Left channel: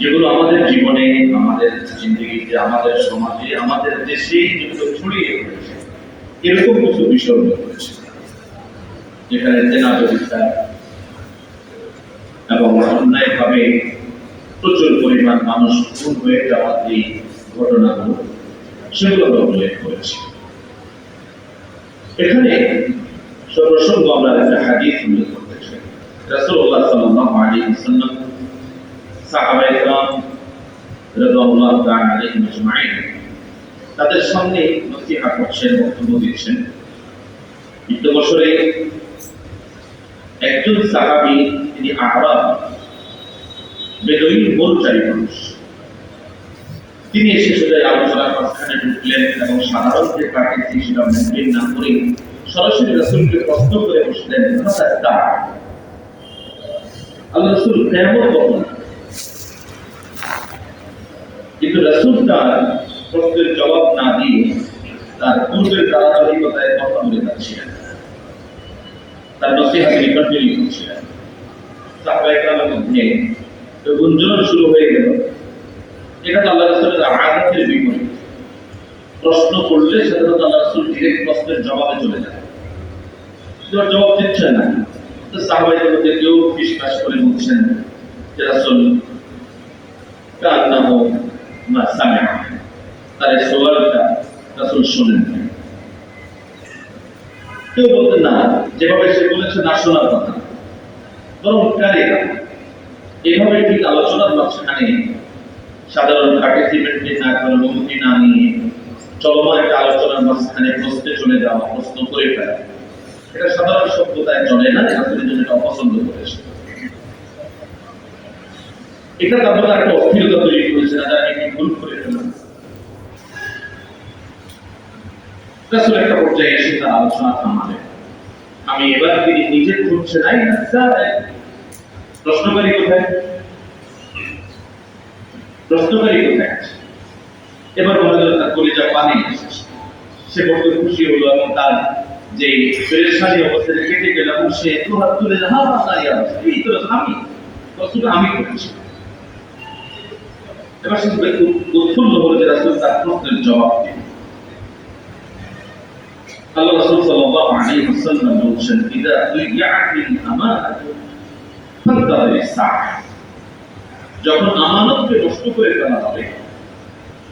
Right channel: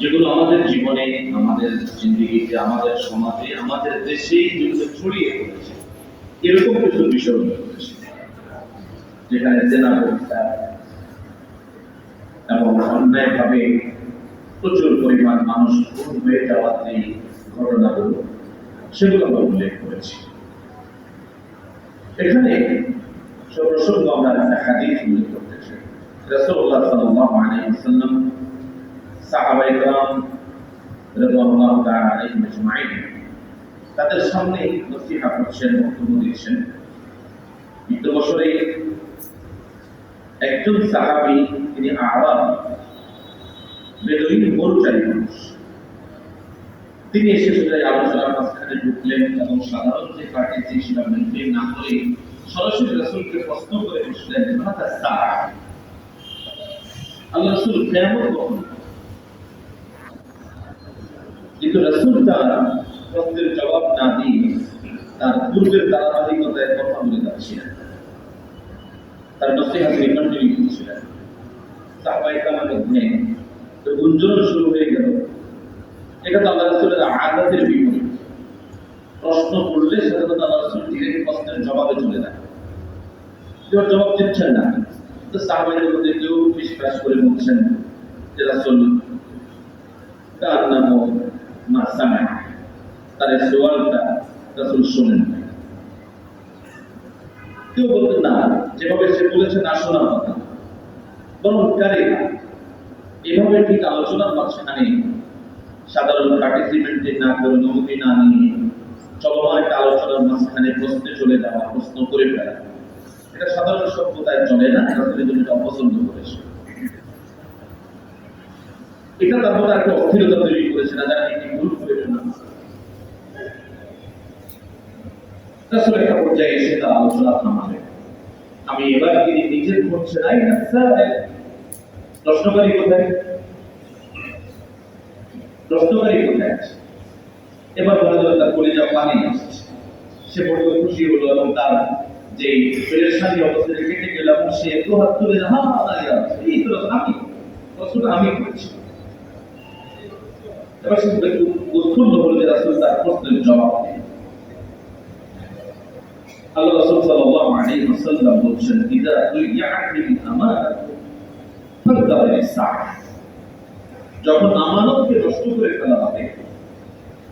যেগুলো আমাদের জীবনে, আমাদের জিন্দগিতে, আমাদের সমাজে, আমাদের দেশে যেগুলো ছড়িয়ে পড়েছে, এরকম কিছু বিষয় রয়েছে যেখানে জেনা ব্যবস্থা এবং অন্যায়ভাবে প্রচুর পরিমাণ মানুষ খুন হয়ে যাওয়ার এই ঘটনাগুলো, সেগুলো আমরা উল্লেখ করেছি। এখানে সর্বসঙ্গ আমরা একটা হাদিস উল্লেখ করতে চাই। রাসূলুল্লাহ সাল্লাল্লাহু আলাইহি ওয়াসাল্লাম সাহাবায়ে কেরাম রাদিয়াল্লাহু তাআলা আলাইহিম আজমাইন তাদের সামনে নসিহত করছেন, বক্তব্য দিচ্ছেন। ইবনে বছরে একজন সাহাবী, তিনি আরাব বেদুইন মরুচারী মানুষ, তিনি এসে সোজা আলোচনার মাঝখানে ঢুকলেন এবং সাধারণ যে কাটিয়েছি সেটা মেনটেন না করে সরাসরি রাসূলকে প্রশ্ন করে বসলেন, আল্লাহ রাসূল কিয়ামত কখন? কিন্তু রাসূল তার প্রশ্নের জবাব না দিয়ে তার পূর্বের ধারাবাহিকতায় কথা বলে যাচ্ছিলেন, তার নসিহত তিনি কন্টিনিউ করছিলেন। সাহাবায়ে কেরামের মধ্যে গুঞ্জন শুরু হয়ে গেল, এটা তো আল্লাহ রাসূলের আদতের বিপরীত। প্রশ্ন করলে সাধারণত আল্লাহ রাসূল ডিরেক্ট প্রশ্নের জবাবে চলে যান, কেউ জবাব দিচ্ছেন না। তো সাহাবাদের মধ্যে কেউ বিশ্বাস করে বলছেন যে রাসূল কান্নাহু মা সামিআ, তার সওয়ালটা রাসূল শুনেন। কেউ বলতেন না, যেভাবে সে বলেছে না শোনার কথা, বরং কারিরা এভাবে ঠিক আলোচনার মাঝখানে সাধারণ পার্টিসিপেন্টকে না করে, অনুমতি না নিয়ে চলমান একটা আলোচনার মাঝখানে প্রশ্নে চলে যাওয়া, প্রশ্ন করে ফেলা, এটা সাধারণ সভ্যতায় চলে না। আসলে এটা অপছন্দ করেছে, এটা তারপরে একটা অস্থিরতা তৈরি করেছে না, যারা একটি ভুল করে ফেলা। রাসূল একটা পর্যায়ে এসে তার আলোচনা থামালেন। আমি এবার তিনি নিজে খুঁজছে নাই, প্রশ্নকারী কোথায়, প্রশ্নকারী কোথায় আছে? এবার মনে হলো তার কলিজা পানি এসেছে, সে বড় খুশি হলো এবং তার যে পেরেশানি অবস্থায় কেটে গেল এবং সে তো হাত তুলে এই তো আমি প্রশ্নটা আমি করেছি। এবার সে উৎফুল্ল হলো যে রাসূল তার প্রশ্নের জবাব দিলেন। আল্লাহ রাসূল সাল্লাল্লাহু আলাইহি ওয়াসাল্লাম বলেছেন, ইদা দুইয়াতিল আমানাতু ফান্তাযিরিস সাআহ, যখন আমানতকে নষ্ট করে ফেলা হবে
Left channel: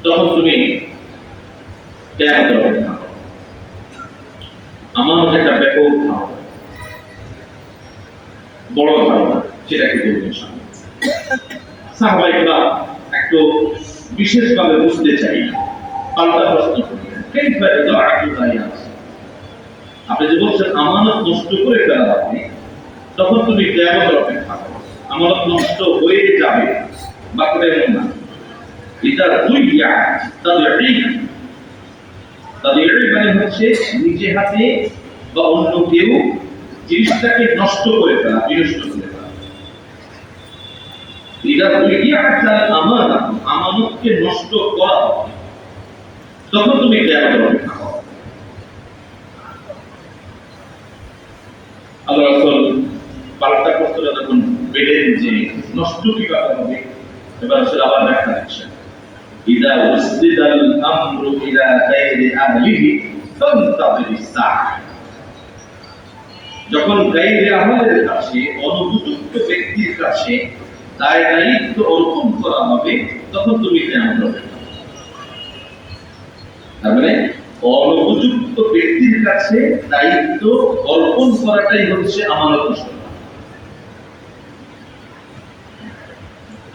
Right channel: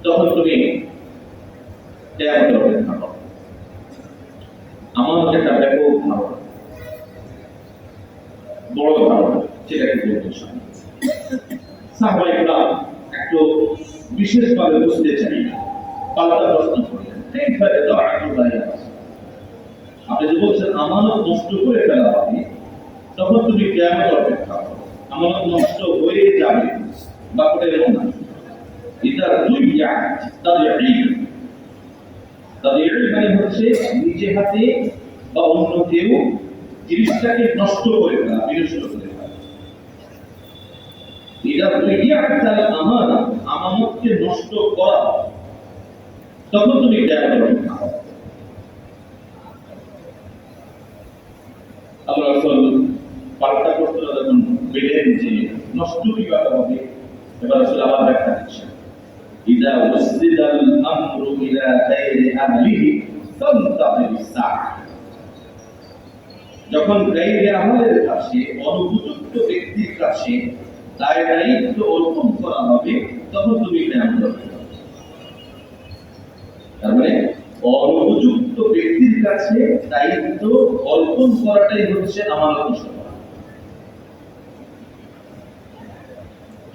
তখন তুমি কিয়ামতের অপেক্ষা করো। আমানত একটা ব্যাপক ধারণা, বড় ধারণা, সেটাকে বলতে সামনে সাহাবায়ে কেরাম একটু বিশেষভাবে বুঝতে চাই, পাল্টা প্রশ্ন করলেন, কাইফা ইদাআতু যালিকা, আপনি যে বলছেন আমানত নষ্ট করে ফেলা হবে তখন তুমি কিয়ামতের অপেক্ষা করো, আমানত নষ্ট হয়ে যাবে, বাকিটা এমন না। ইদা দুইয়াত তাদিঈ মানে হচ্ছে নিজে হাতে বা অন্য কেউ জিনিসটাকে নষ্ট করে ফেলা, বিনষ্ট করে ফেলা। ইদা দুইয়াতাল আমানা, আমানতকে নষ্ট করা, তখন তুমি কিয়ামতের অপেক্ষা করো। আল্লাহ রাসূল পাল্টা প্রশ্নটা যখন পেলেন যে নষ্ট কিভাবে হবে, এবার রাসূল আবার ব্যাখ্যা দিচ্ছেন, ইদা উসদিদাল আমরু ইলা গায়রি আহলিহি ফান্তাযিরিস সাআহ, যখন গায়রি আহলের কাছে, অনুপযুক্ত ব্যক্তির কাছে দায়িত্ব অর্পণ করা হবে তখন তুমি কিয়ামত হবে। তার মানে অনুপযুক্ত ব্যক্তির কাছে দায়িত্ব অর্পণ করাটাই হচ্ছে আমানত নষ্ট করা।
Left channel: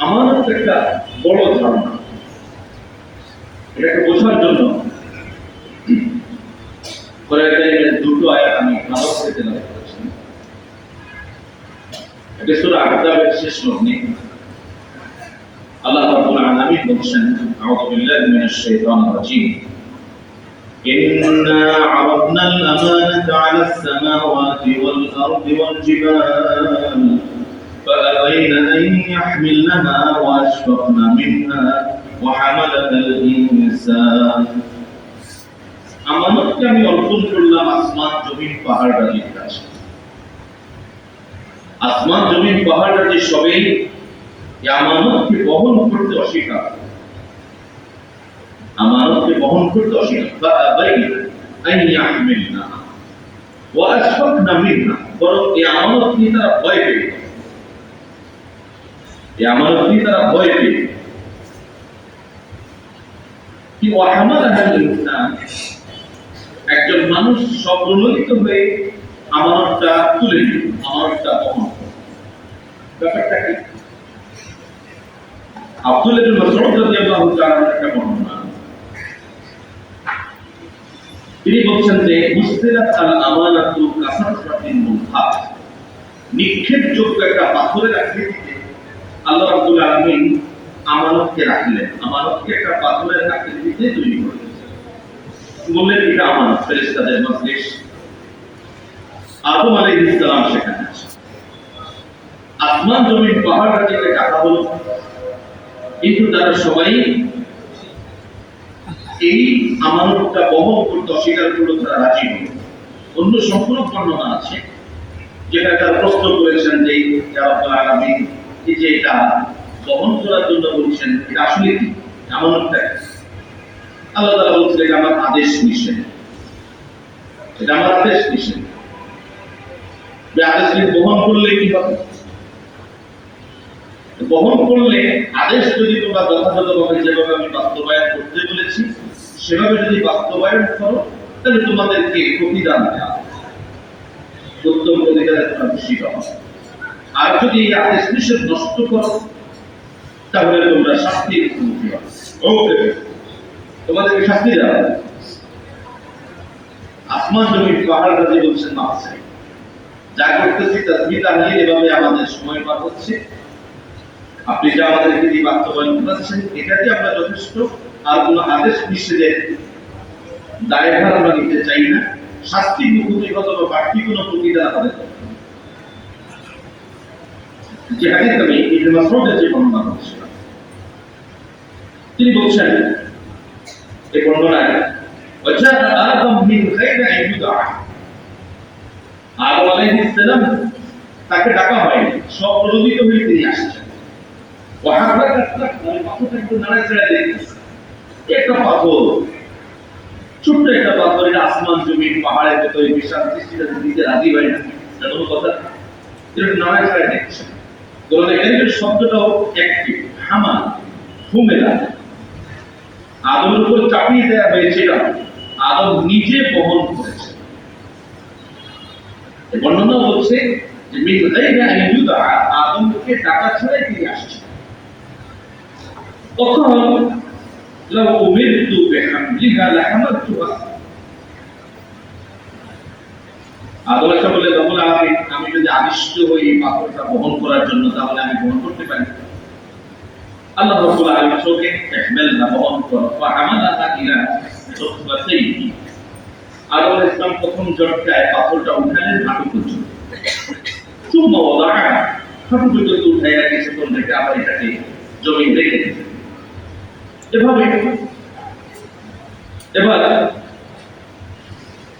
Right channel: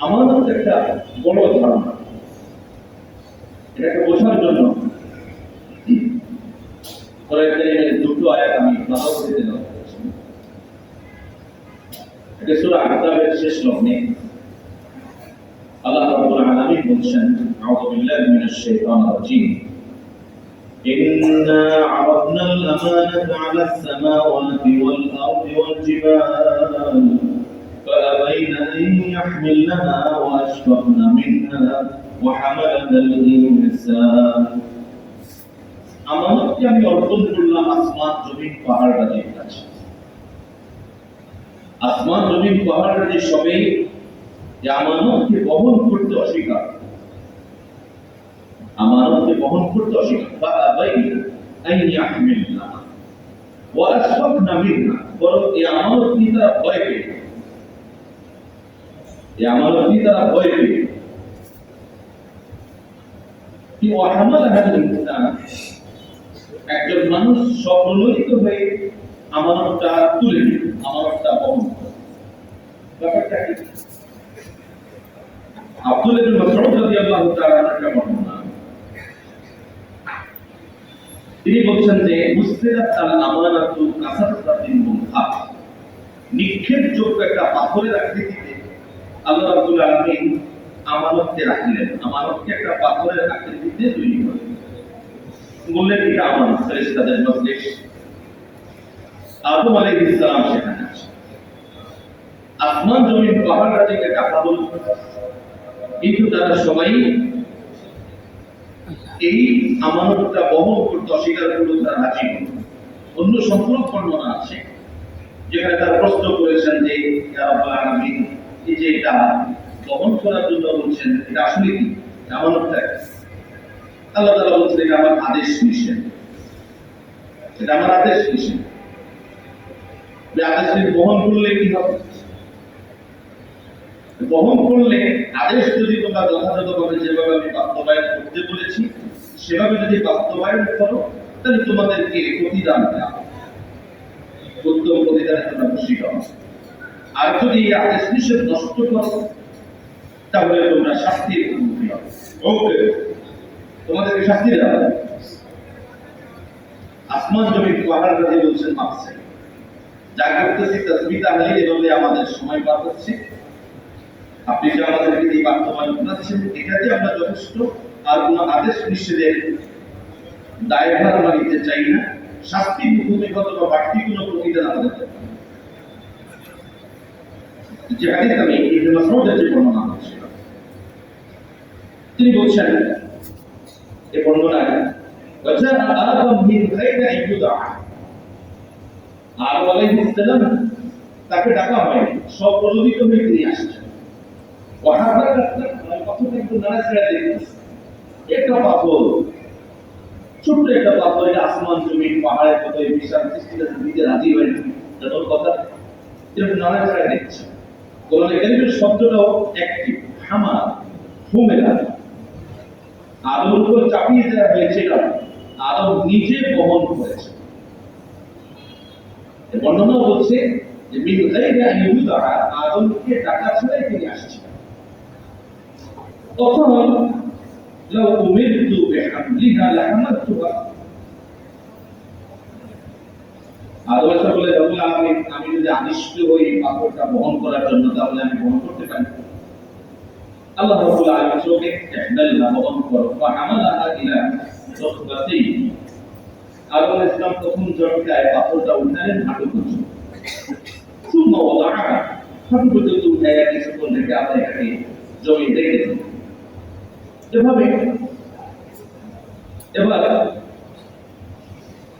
আমানত একটা বড় ধারণা, এটাকে বোঝার জন্য কোরআন কারীমের দুটো আয়াত আমি ভালো করে তেলাওয়াত করেছি। এটা সূরা আহজাবের শেষ লগ্নে আল্লাহ রাব্বুল আলামিন বলছেন, আউযু বিল্লাহি মিনাশ শাইতানির রাজীম, إنا عرضنا الأمانة على السماوات والأرض والجبال فأبين أن يحملنها وأشفقن منها وحملها الإنسان। আমানতকে আমি অর্পণ করলাম আসমান জমিন পাহাড় রাজির কাছে। আসমান জমিন পাহাড় রাজি সবই এই আমানতকে বহন করতে অস্বীকার, আমানতকে বহন করতে অস্বীকার, বরং এই আমানত নিয়ে তারা ভয় পেয়ে, এই আমানত নিয়ে তারা ভয় পেয়ে কি একজন মানুষ স্বপ্রণোদিত হয়ে আমানতটা তুলে নিল, আমানতটা বহন। ব্যাপারটা কি? আব্দুল্লাহ ইবনে মাসউদ রাদিয়াল্লাহু তাআলা একটা বর্ণনা, তিনি বলছেন যে মুসতিলাত আল আমানাতু কাসারাতিন মুহাত, নিক্ষেপযোগ্য একটা পাথরের আকৃতিতে আল্লাহ রাব্বুল আলামিন আমানতকে রাখলেন, আমানতকে একটা পাথরের আকৃতিতে তৈরি করলেন। বললেন এটা আমানত, ফেরেশতাদের মজলিস, আদম আলাইহিস সালাম সেখানে আছে, আসমান জমিন পাহাড় থেকে ডাকা হলো, কিন্তু তারা সবাই এই আমানতটা বহন করতে অস্বীকার করলো, তারা রাজি হল। অন্য সম্পূর্ণ বর্ণনা আছে যেখানে তারা প্রশ্ন করেছেন যে ইয়া রাব্বুল আলামিন, এই যে এটা বহন করার জন্য বলছেন, এটা আসলে কি আমানতটা? আল্লাহ তাআলা বলছেন এটা আমার আদেশ নিষেধ, এটা আমার আদেশ নিষেধ। আদেশ বহন করলে কি হবে? বহন করলে আদেশ যদি তোমরা যথাযথভাবে যেভাবে আমি বাস্তবায়ন করতে বলেছি সেভাবে যদি বাস্তবায়ন করো, তাহলে তোমাদেরকে প্রতিদান দেওয়া, উত্তম প্রতিদানে তোমরা খুশি হও। আর যদি এই আদেশ নিষেধ নষ্ট করো, তাহলে তোমরা শাস্তির মুখোমুখি হবে। ওকে, তোমাদেরকে শাস্তি দেওয়া। আসমান জমিন পাহাড় রাজি বলছেন মাসে যা করতেছি তাসবিহ নিয়ে এভাবে আমাদের সময় পার হচ্ছে, আপনি যা আমাদেরকে দিয়ে বাস্তবায়ন করাচ্ছেন এটাতে আমরা যথেষ্ট, আর কোন আদেশ নিষেধের দায়ভার আমরা নিতে চাই না, শাস্তির মুখোমুখি অথবা বাড়তি কোনো প্রতিদান আমাদের। যে হাদিস আমি ইবনে মাসউদের যে বর্ণনা করছিলাম, তিনি বলছেন এই বর্ণনায় ওয়াজা আদম মিন গায়রি আন ইউদা, আদম আলাইহিস সালাম তাকে ডাকা হয়নি, স্বপ্রণোদিত হয়ে তিনি আসছেন। একটা পাথর, ছোট্ট একটা পাথর, এটা আসমান জমিন পাহাড়ের মতো বিশাল সৃষ্টিটা দিতে রাজি হয় না, এমন কথা এটা নানায় ছাড়াই দেখছে। কোরআনে কারীমের শব্দটাও একটি হামা, হুমেলা, আদমের উপর চাপিয়ে দেওয়া হয়েছে, এটা আদম নিজে বহন করেছে। বর্ণনা বলছে যে মিন গায়রি আন ইউদা, আদমকে ডাকা ছাড়াই তিনি আসছেন। তখন লাউ উমিরতু বিহামলিহা লাহামালতুহা, আদম আলাইহিস বলে রব্বুল আলামিন, আমি যদি আদিষ্ট হই পাথরটা বহন করার জন্য, তাহলে আমি বহন করতে পারি। আল্লাহ রাব্বুল আলামিন ওকে ইহমালহা, বহন করো, ফাহামালাহা ইলা রুকবাতাইহি, আদম আলাইহিস সালাম প্রথম ঝটকায় পাথরটা উঠালেন হাঁটু পর্যন্ত, সুম্মা ওয়াদাআহা, হাঁটু পর্যন্ত উঠাইয়া কিছুক্ষণ রেখে আবার এটাকে জমিন রেখে দিলেন। এভাবে এবার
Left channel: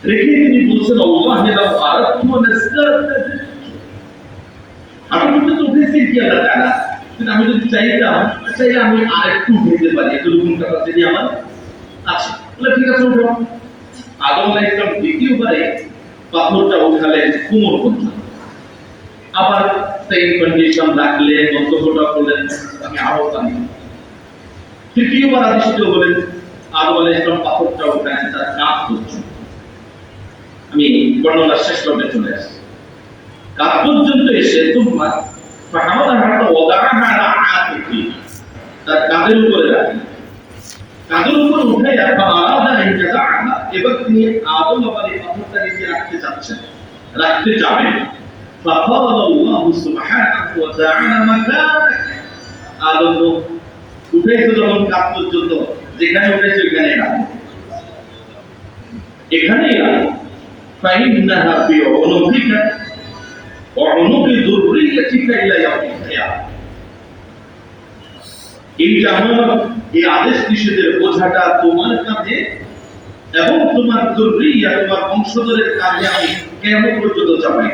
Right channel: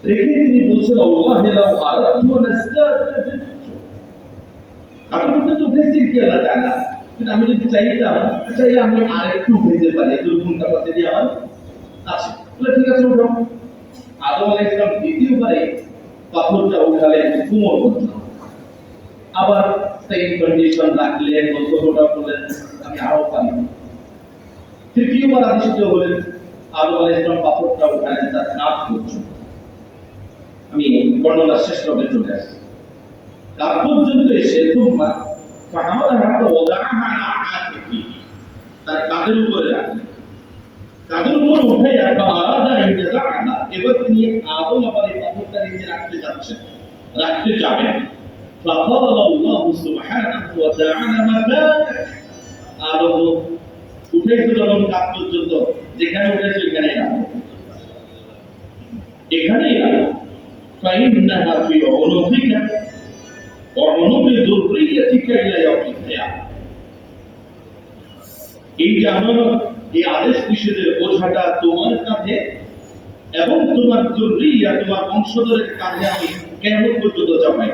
রেখে তিনি বলছেন আল্লাহ লাউ আরাদতু লাসতারতাত, আমি তো উঠেছি কি আল্লাহ তাআলা, কিন্তু আমি যদি চাইতাম, চাইলে আমি আরেকটু উঠাইতে পারি, এতটুকু ক্যাপাসিটি আমার আছে, বলে ঠিক আছে উঠাও। আদম আলাইহিস সালাম দ্বিতীয়বারে পাথরটা উঠালেন কোমর পর্যন্ত, আবার সেম কন্ডিশন রাখলেন, মন্তব্যটা করলেন আমি আরো পারি। তৃতীয়বার আদিষ্ট হলেন, আদম আলাইহিস সালাম পাথরটা উঠালেন তার কাঁধ পর্যন্ত। আমি বর্ণনার শেষ পর্বে চলে আসি, কাঁধ পর্যন্ত এসে তুম্মা ফাহামালাহা ওয়াদাআহা আলা আতিকি, তার কাঁধের উপরে রাখলেন, কাঁধের উপর উঠাইয়া ফাআরাদা আন ইয়াদাআহা, এবার তিনি আদম আবার এই পাথরটা নিচে রাখতে যাচ্ছেন, রাখতে যাবেন। ফাকালা আল্লাহু সুবহানাহু ওয়া তাআলা মাকানাক, আদম উঠাইছো যখন কাঁধ পর্যন্ত, যেখানে উঠাইছো এখানেই রাখো, এখানেই রাখো। ফাইন্নাহা ফি উনুকিকা ওয়া উনুকি যুররিয়াতিকা ইলা ইয়াউমিল কিয়ামা, এই জামানত, এই আদেশ নিষেধের বোঝাটা তোমার কাঁধে এবং তোমার যুররিয়া, তোমার বংশধরের কাঁধে আমি কিয়ামত পর্যন্ত চাপাই।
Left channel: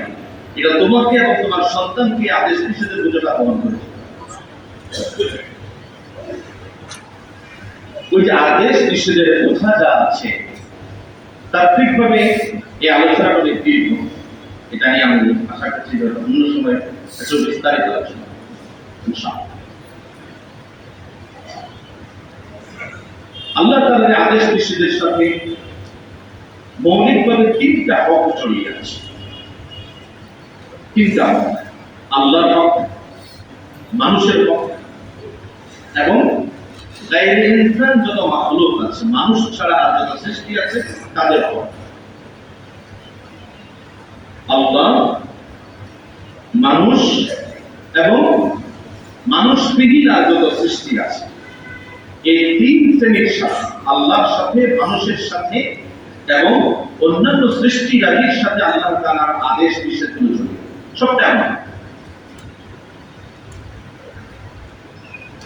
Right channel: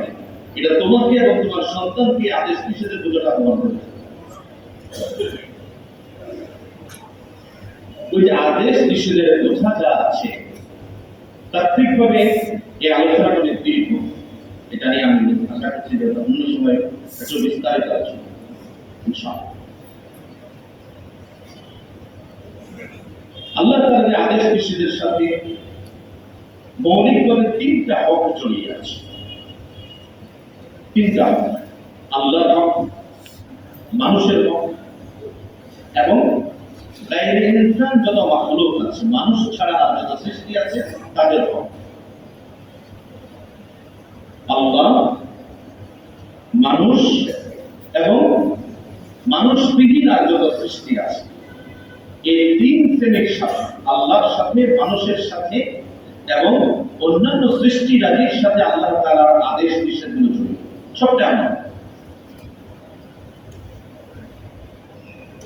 এটা তোমাকে এবং তোমার সন্তানকে আদেশ নিষেধের বোঝাটা বহন করেছে। ওই যে আদেশ নিষেধের কথা যা আছে তাত্ত্বিকভাবে এই আলোচনাটা অনেক দীর্ঘ। এটা নিয়ে আমি আশা করছি যে অন্য সময় একটু বিস্তারিত আলোচনা ইনশাআল্লাহ। আল্লাহ তাআলার আদেশ নিষেধের সাথে মৌলিকভাবে তিনটা হক জড়িয়ে আছে। তিনটা হক: আল্লাহর হক, মানুষের হক এবং গায়রে ইনসান যত মাখলুক আছে, মানুষ ছাড়া আর যত সৃষ্টি আছে তাদের হক। আল্লাহ, মানুষ এবং মানুষবিহীন আর যত সৃষ্টি আছে, এই তিন শ্রেণীর সাথে, আল্লাহর সাথে, মানুষের সাথে এবং অন্যান্য সৃষ্টিরাজির সাথে আল্লাহ তাআলার আদেশ নিষেধগুলো জড়িত। সবটা আমার।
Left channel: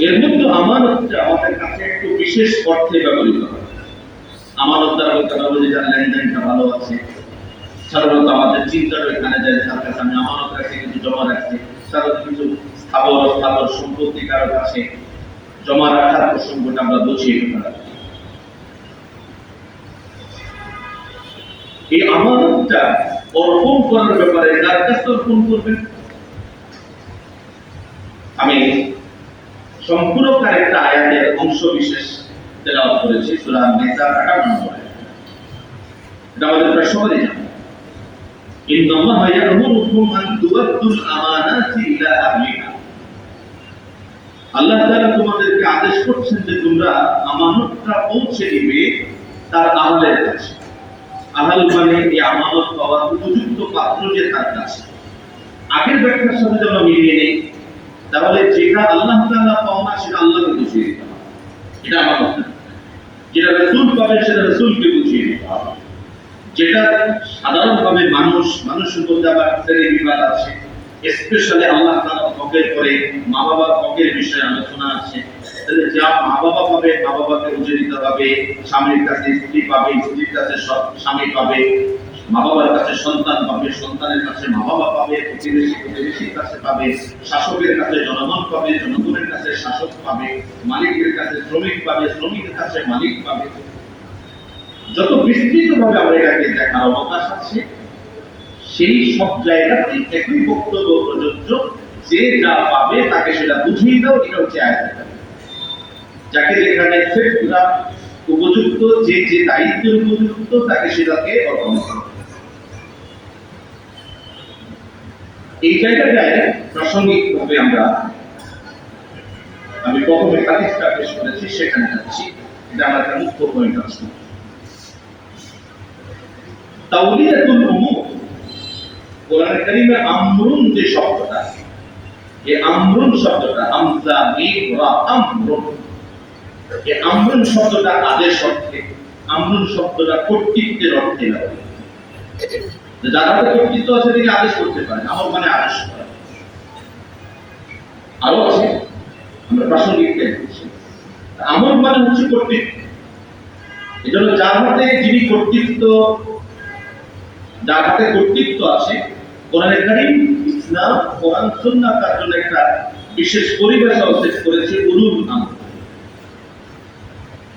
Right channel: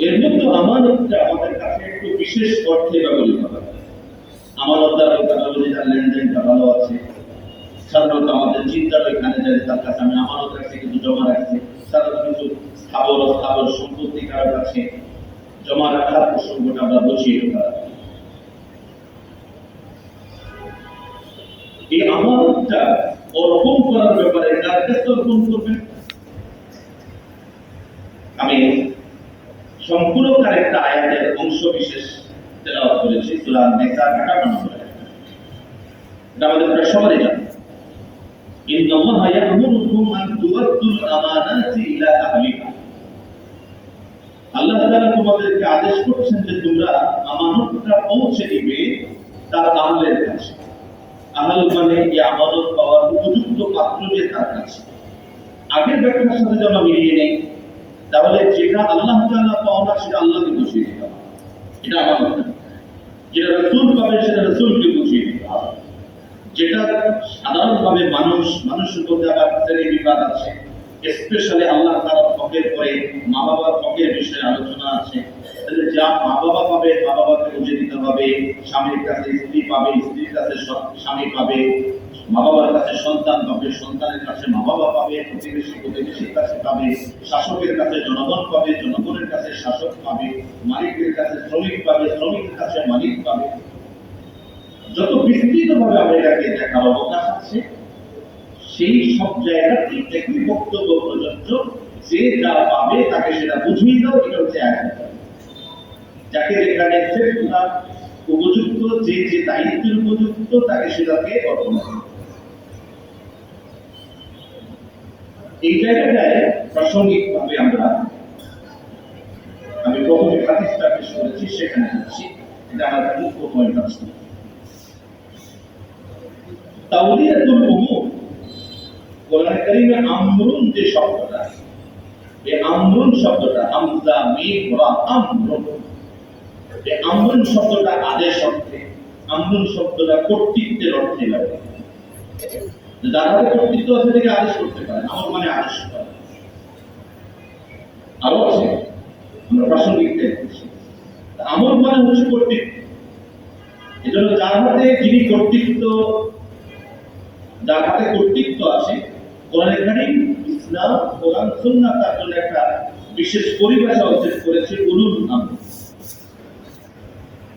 এর মধ্যে আমানতটা আমাদের কাছে একটু বিশেষ অর্থে ব্যবহৃত হয়। আমানত দ্বারা বলতে যার লেনদেনটা ভালো আছে, সাধারণত আমাদের চিন্তাটা এখানে যায়, তার কাছে আমি আমানত রাখছি, কিন্তু জমা রাখছি। সাধারণত কিছু স্থাবর সম্পত্তি কারো কাছে জমা রাখার প্রসঙ্গটা আমরা বুঝিয়ে ফেলা। এই আমানতটা অর্পণ করার ব্যাপারে কার কাছে অর্পণ করবেন? আমি সম্পূর্ণ একটা আয়াতের অংশ বিশেষ তেলাওয়াত করেছি, সূরা নিসার 58 নম্বর আয়াত। এটা আমাদের প্রায় সবারই জানা। ইন্নাল্লাহা ইয়া'মুরুকুম আন তু'আদ্দুল আমানাতি ইলা আহলিহা। আল্লাহ তাআলা তোমাদেরকে আদেশ করছেন যে তোমরা আমানতটা পৌঁছে দিবে তার আহলের কাছে। আহল মানে এই আমানত পাওয়ার উপযুক্ত পাত্র যে তার কাছে। আগের ব্যাখ্যার সাথে যদি আমরা মিলিয়ে নেই, তাহলে যেটা আল্লাহ তাআলা পাওনা সেটা আল্লাহকে বুঝিয়ে দিতে হবে, এটা আমানত না। যেটা রাসূল পাবে সেটা রাসূলকে বুঝিয়ে দিতে হবে। যেটা সাধারণভাবে মানুষের মধ্যে আবার শ্রেণী বিবাদ আছে, স্পেশালি আল্লাহ তাআলা হকের পরে মা বাবার হকের বিষয়ে আলোচনা আছে। তাহলে যা মা বাবা পাবে মা বাবাকে বুঝিয়ে দিতে হবে, স্বামীর কাছে স্ত্রী পাবে, স্ত্রীর কাছে স্বামী পাবে, মা বাবার কাছে সন্তান পাবে, সন্তানের কাছে মা বাবা পাবে, প্রতিবেশীর কাছে পাবে, শাসকের কাছে জনগণ পাবে, জনগণের কাছে শাসক পাবে, মালিকের কাছে শ্রমিক পাবে, শ্রমিকের কাছে মালিক পাবে। যত বিস্তৃতভাবে আমরা এটাকে দেখার অবকাশ আছে, সেই সব জায়গাতে একই বক্তব্য প্রযোজ্য। যে যা পাবে তাকে সেটা বুঝিয়ে দাও, এটা হচ্ছে আয়াত। যাকে যেখানে সেটা উপযুক্ত, যে যে দায়িত্বের উপযুক্ত তাকে সেটাকে অর্পণ করো। এই জায়গাটায় প্রাসঙ্গিকভাবে আমি প্রথমে হাদিসটা পেশ করেছি, সেখানে যাচ্ছি। এটা আমার একটা মুখ্য পয়েন্ট আছে। তাওলিয়াতুল উমুর, কোরআন কারীমে আমরুন যে শব্দটা, এই আমরুন শব্দটা হামজা মিম রা আমরুন, এই আমরুন শব্দটা আদেশ অর্থে, আমরুন শব্দটা কর্তৃত্বের অর্থে ব্যবহৃত। যার হাতে কর্তৃত্ব আছে তিনি আদেশ করতে পারেন, আমর মানে আদেশ করা। আরো আছে, আমরা প্রাসঙ্গিক দেখছি। আমর মানে হচ্ছে কর্তৃত্ব। এজন্য যার হাতে কর্তৃত্ব আছে, কোরআন কারীম, ইসলাম, কোরআন, সুন্নাহ তার জন্য একটা বিশেষ পরিভাষা উল্লেখ করেছে, উলুল আমর।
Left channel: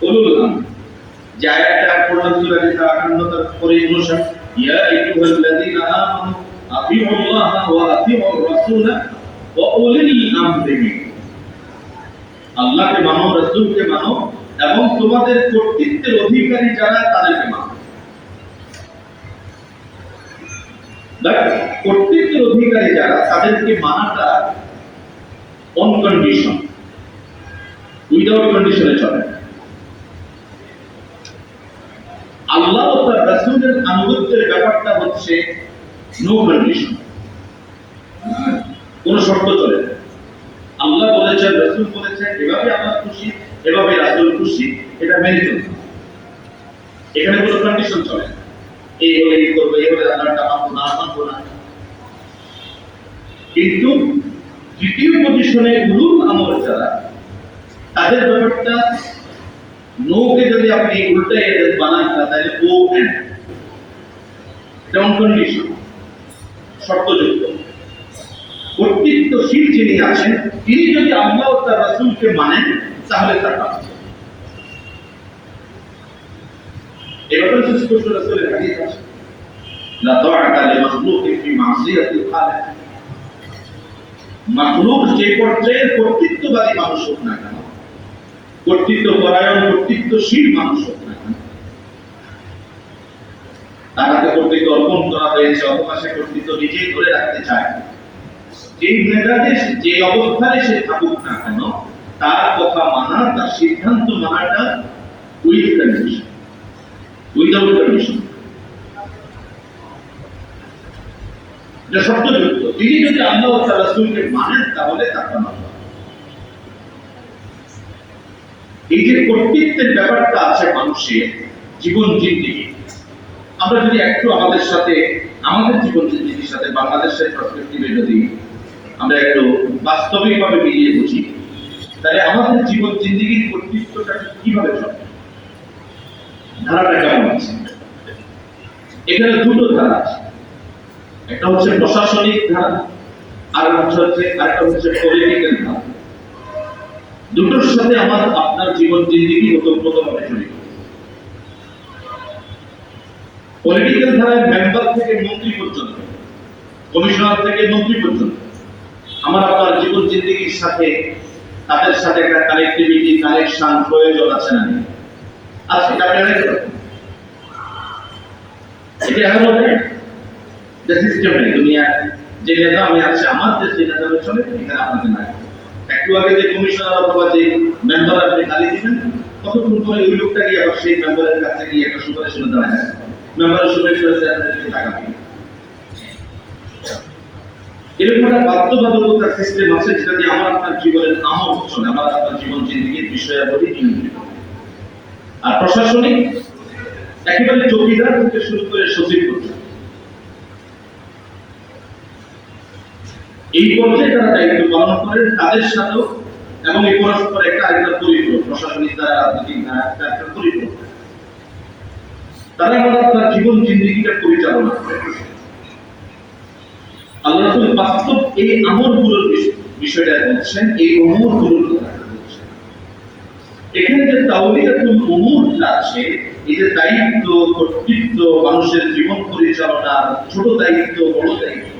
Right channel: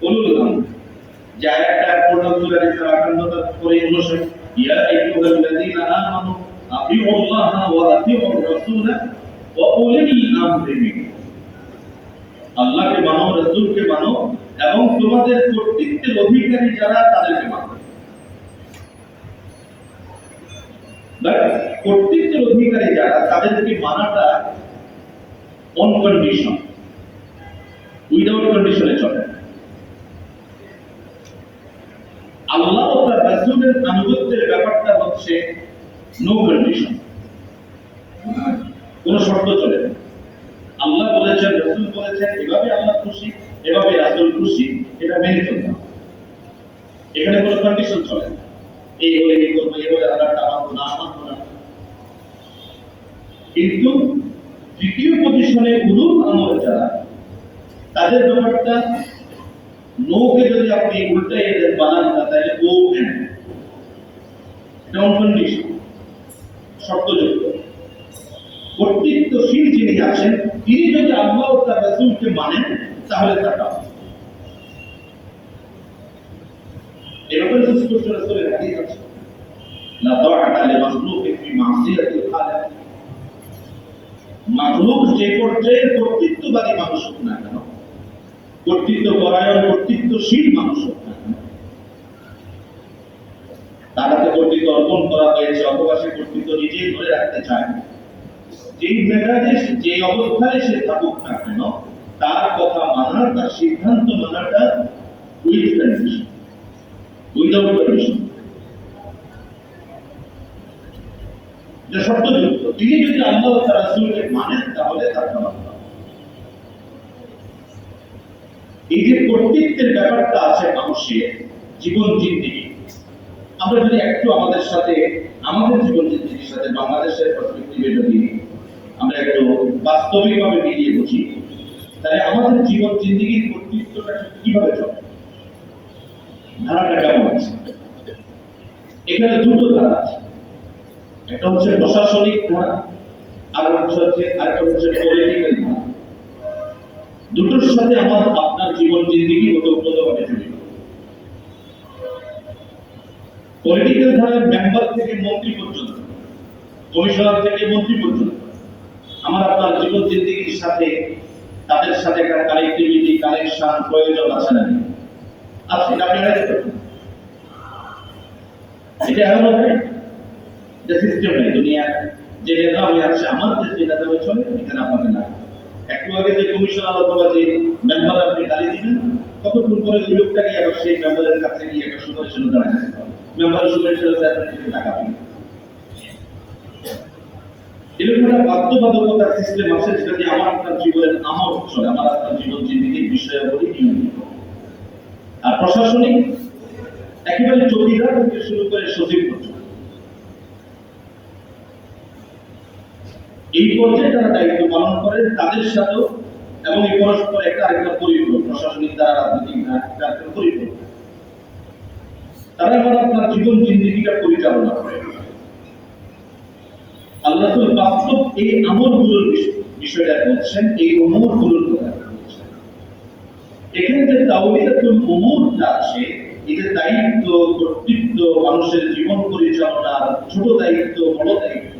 উলুল আমর যে আয়াতটা পড়লাম সূরা নিসা 58 তার পরে 59, ইয়া আইয়ুহাল্লাযীনা আমানু আতিউল্লাহা ওয়া আতিউর রাসূলা ওয়া উলিল আমরি মিনকুম। আল্লাহকে মানো, রাসূলকে মানো এবং তোমাদের কর্তৃত্বের অধিকারী যারা তাদেরকে মানো। কর্তৃত্বের অধিকারী যারা তাদেরকে মানাটা অন কন্ডিশন, উইদাউট কন্ডিশনে চলে। আল্লাহ ও তার রাসূলের আনুগত্যের ব্যাপারটা হচ্ছে নো কন্ডিশন, কোনো শর্ত চলে না। আল্লাহ বলেছেন, রাসূল বলেছেন, এভাবে আল্লাহ খুশি, এভাবে রাসূল খুশি, এটা মেনে চলতে হবে। এখানে কোনো কন্ডিশন চলে না, এই হলে এই করবো, এই হলে আল্লাহটা মানবো না, মানবো না। কিন্তু দ্বিতীয় পজিশনে উলুল আমর যারা, তাদের ব্যাপারটা নোকে যদি আপনি উল্টাই বানান তাহলে ও এন্ড, এটা অন কন্ডিশন, শর্তযুক্ত। কর্তৃত্বশীল যিনি আছেন তিনি যদি আল্লাহ ও তার রাসূলকে মানেন তাহলে তার কাজ। এভাবে সুস্পষ্ট রাসূলের হাদিস আছে, লা তাআতা লিমাখলুকিন ফি মাসিয়াতিল খালিক। মাখলুক যে পর্যায়ের কর্তৃত্ববাদী মানুষ হোক না কেন, কর্তৃত্ব পরায়ণ কর্তৃত্বশীল মানুষ হোক না কেন, তার হাতে কর্তৃত্ব অর্পণ করা হয়েছে অথবা সে কর্তৃত্ব নিজেই ধরে রাখতে চায়, যেই মেধাতে যে অবস্থায় সে থাকুক না কেন, তার কথা মানা, তার সিদ্ধান্ত মানাটা উইথ কন্ডিশন, উইদাউট কন্ডিশন, যা শর্তযুক্ত। তিনি যদি আল্লাহ ও তার রাসূলকে মানেন তাহলে তার মানতে হবে। এই যে কর্তৃত্বের ব্যাপারটা আছে মানুষের জীবন জিন্দেগি, আমরা যদি একটু আমাদের সাথে, আমাদের জীবন জিন্দেগির সাথে বাংলাদেশের পার্সপেক্টিভে যদি আমরা একটু বাস্তবিকভাবে মিলিয়ে বুঝি, তাহলে আমাদের জীবন জিন্দেগির কর্তৃত্বটা কিভাবে চলে, ধারাটা কেমন আছে। এখানে দুটো ধারা আছে, একটা হচ্ছে প্রশাসনিক ধারা, আর আরেকটা হচ্ছে পলিটিক্যাল ধারা। দুটোর সাথে আমার আপনার জীবন জিন্দেগি ওতপ্রোতভাবে জড়িত। পলিটিক্যাল ধারায় মেম্বার থেকে মন্ত্রী পর্যন্ত, কমিশনার থেকে মন্ত্রী পর্যন্ত আমার আপনার জীবন জিন্দেগির সাথে, তাদের সাথে একটা কানেক্টিভিটি, কানেকশন প্রয়োজন আছে না? আছে, এটা আপনি এড়াইতে পারেন। এটা এমন নয় যে সিস্টেম নেই, দুনিয়া যে নেতা আমি আছে আমার দেশ যে নেতা চলে এখানে আপনাকে নাই। একটু আগে যে কমিশনার অথবা যে মেম্বার আপনি গালি দিবেন, কতক্ষণ পরে ওই লোকটা গিয়ে আবার সেই মেম্বারের কাছে গিয়ে একটা সুপারিশের দাঁড়ায় মেম্বারের সুপারিশের টাকা দিবে। এরকম একটা বাধ্যবাধকতার সিস্টেম আছে যেটা দিয়ে আমার আপনার জীবনের আমল চলে, আমার আপনার জীবন জিন্দেগির বিষয়াবলী নিয়ন্ত্রিত। আর প্রশাসনিক একেবারে চৌকিদার থেকে শুরু করে সচিব পর্যন্ত এই পর্যায়ে তারা দায়িত্ব পালন করেন, তাদের সাথেও এবং এই পরস্পর একটা আরেকটা পরিপূরক, প্রশাসনিক দ্বারা রাজনৈতিক দ্বারা একটা পরিপূরক। তারা আমার আপনার জীবন জিন্দেগিটা পরিচালনা করে। আল্লাহ রাসূল বাস্তব এই আমলগুলোর বিষয়টা বলছেন, এই উমুরগুলোর কথা বলছেন। এখানে যে তাওলিয়াতুল উমুরটা আছে, এই যে দায়িত্ব, কর্তৃত্ব, মানুষের জীবন পরিচালনার ছোট দায়িত্ব, বড় দায়িত্ব,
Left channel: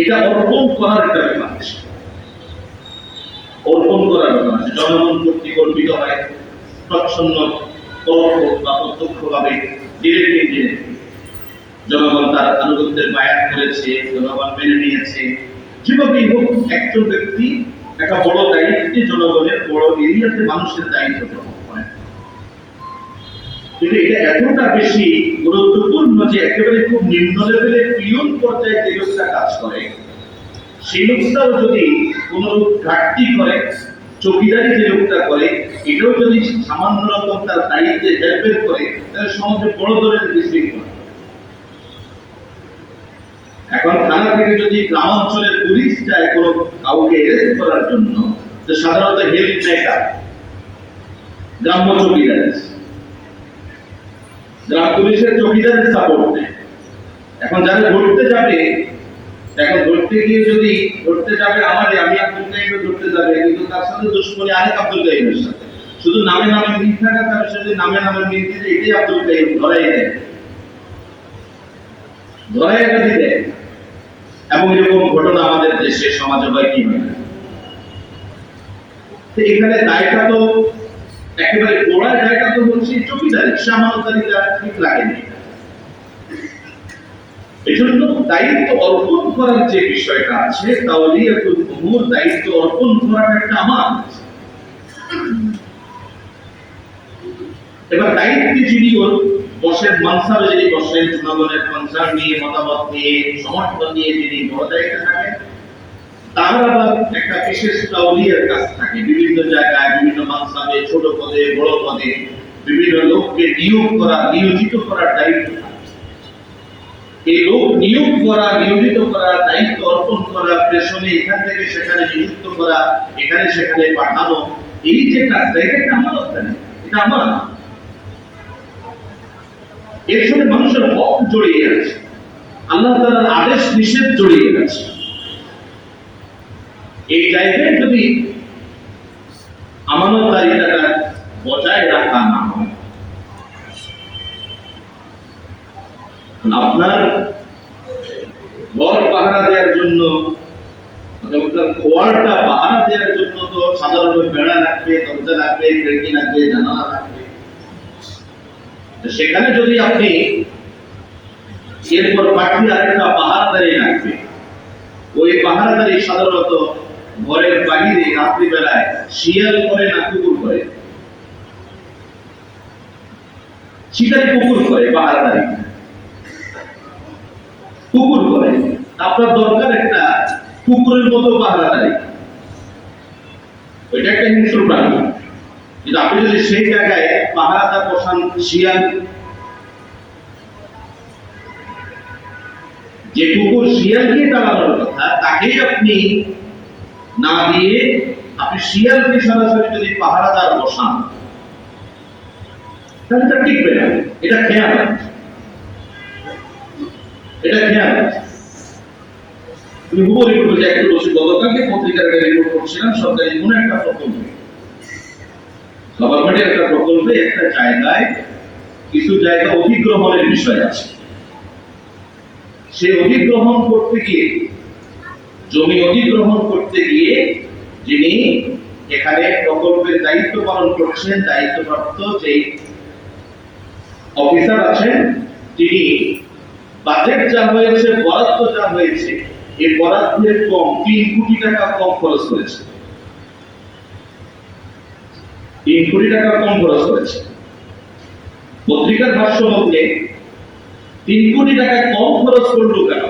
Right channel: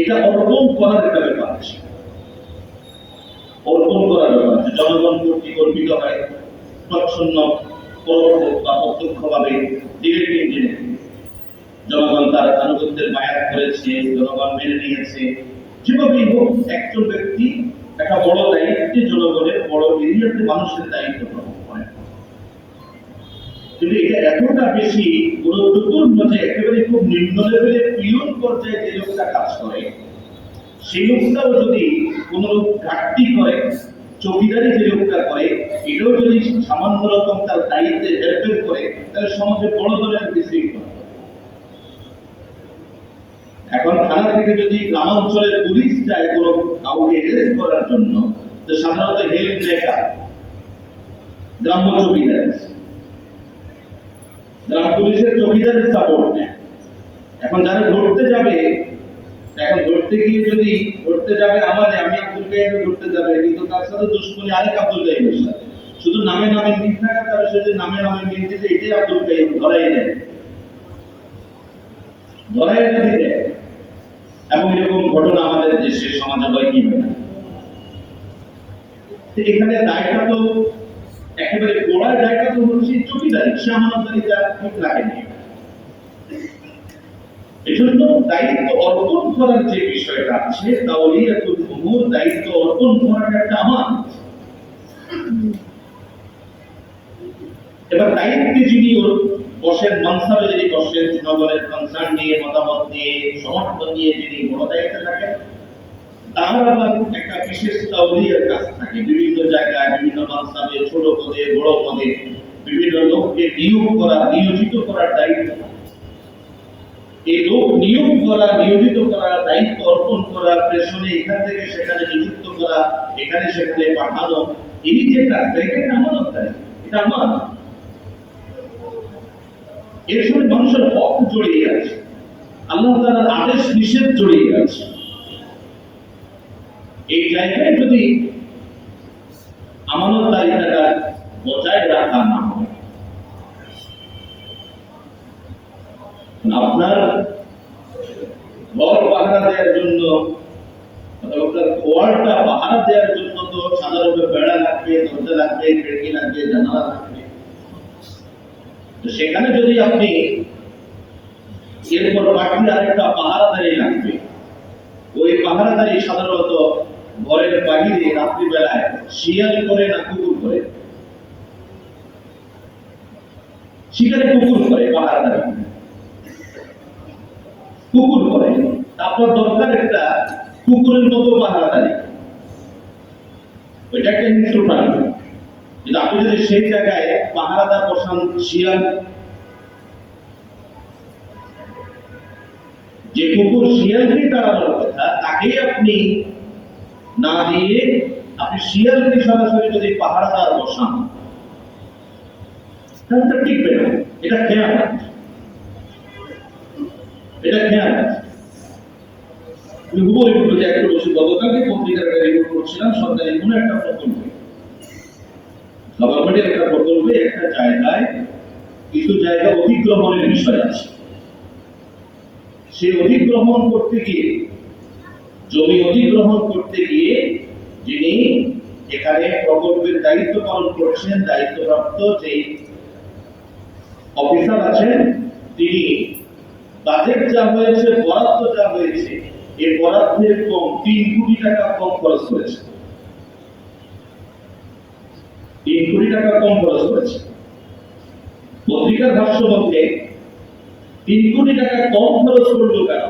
এটা অর্পণ করার একটা ব্যাপার আছে। অর্পণ করার ব্যাপার আছে। জনগণ কর্তৃক অর্পিত হয়, প্রচ্ছন্ন পরোক্ষ বা প্রত্যক্ষভাবে, ডিরেক্টলি জনগণ তার আনুগত্যের বায়াত করেছে, জনগণ মেনে নিয়েছে। যেভাবেই হোক একজন ব্যক্তি একটা বড় দায়িত্বে, জনগণের বড় এরিয়াতে মানুষের দায়িত্ব গ্রহণ করেন। কিন্তু এটা এতটা বেশি গুরুত্বপূর্ণ যে একেবারে খুব নিম্ন লেভেলে পিয়ন পর্যায়ে যে লোকটা কাজ করে, সেই লোকটাও যদি কোনো লোক ঘাটতি করে, চৌকিদারি যে লোকটা করে, এটাও যদি সামান্য রকম তার দায়িত্বে হেল্পের করে, তাহলে সমাজে বড় ধরনের বিশৃঙ্খলা। এখন থানা থেকে যদি গ্রামাঞ্চলের পুলিশ যায় কোনো কাউকে অ্যারেস্ট করার জন্য, তো সাধারণত হেল্প নেয় কার? গ্রাম্য চৌকিদার, গ্রাম পুলিশের চৌকিদারের সাপোর্ট নেয়। এখন যারা ধরতে যাবে, এখন ধরতে গিয়ে যদি ধরতে যাবে আমারে, আমি আব্দুল কাইম ধরতে যাবে, কিন্তু তার সাথে দুশ্মনী আরেক আব্দুল কাইমের সাথে, শুধু নামে নামে মিল থাকা, তার সাথে নামে নামে মিল দিতে এটাই আব্দুল কাইম ধরাই দেয়, ধরাই যদি দেয়। এবং এরকম ঘটনা আমাদের দেশে সমাজে হয় কি হয় না। এখানে দায়টা তো একেবারে গোড়ায় দায়টা তো হচ্ছে চৌকিদারি, সামানতারিতা ঠিক লাগেনি। এজন্য দায়িত্ব অর্পণ করার যে বিষয়টা আছে, তাওলিয়াতুল উমুর, দায়িত্ব অর্পণ করাটা একটা আমানত। এবার দায়িত্বে যিনি বসেন, মানসাবে যিনি বসেন, জনগণের কনসার্ন নিয়ে, মতামত নিয়ে, সমর্থন নিয়ে যিনি বড় দায়িত্বে থাকেন, তার আবার একটা বিশেষ তাওলিয়ার কাজ থাকে। বিভিন্ন জায়গায়, বিভিন্ন মানসাবে, ছোট পদে, বড় পদে বিভিন্ন লোককে নিয়োগ করা, নিয়োজিত করার দায়িত্ব। এই লোক নিয়োগ করা, নিয়োজিত করা, দায়িত্ব অর্পণ করা, প্রেষণে এখান থেকে সেখানে নিযুক্ত করা, এখানে সেখানে পাঠানো, এই যে কাজটা, এটা একটা আমানত, এটা আমানত। এর সঙ্গে মানুষের হক জড়িয়ে আছে, আল্লাহ তাআলার আদেশ নিষেধ জড়িয়ে আছে। এই জায়গায় যদি আমানতদারিতাটা বজায় রাখা না হয়, আপনার ঘর পাহারা দেওয়ার জন্য, আপনার খোয়ারটা পাহারা দেওয়ার জন্য তো সাধারণত বেড়া লাগবে, দরজা লাগবে, খিড়কি লাগবে, জানালা লাগবে। সেখানে যদি আপনি এরপর বাকি আরেকটা পাহারাদারি লাগবে, ওই পাহারাদারি সাধারণত ঘরের বাহিরে রাত্রিবেলায় শিয়াল করে না কুকুর করে? শিকারি কুকুর করে, পাহারাদারি কুকুর করে। আপনার দরকার একটা কুকুরের মতো পাহারাদারি, ওইটা একটা হিংস্র প্রাণী। কিন্তু আপনি যদি সেই জায়গায় পাহারাদার বসান শিয়াল, যে কুকুর শিয়ালকে তাড়ানোর কথা তাকেই আপনি না দিয়ে আপনি শিয়ালকে সরাসরি যদি পাহারাদার বসান, তাহলে তা টিকবে না। এটা খেয়ানত, এটা খেয়ানত। আমি হুবহু রিপোর্ট যে একটু বসে গতকালকে পত্রিকার একটা রিপোর্ট করছিলাম, সরকারি কোনো একটা প্রকল্পে, গভর্নমেন্টের একটা প্রকল্পে একটা জায়গায় কিছু জায়গা অধিগ্রহণের বিষয় আছে। সে অধিগ্রহণ করতে গিয়ে, জমি অধিগ্রহণ করতে গিয়ে যিনি এখানে প্রকল্পের দায়িত্ব পালন করছেন, দায়িত্বপ্রাপ্ত যে অফিসার আছেন, তিনি বাজেট যা হয়েছে, বরাদ্দ যা হয়েছে, এই বরাদ্দের কম 3 কোটি টাকা কম খরচ করেছে। 3 কোটি টাকা কম খরচ করেছে। পত্রিকার ভাষ্য মতে 3 কোটি টাকা কম খরচ করলো কেন?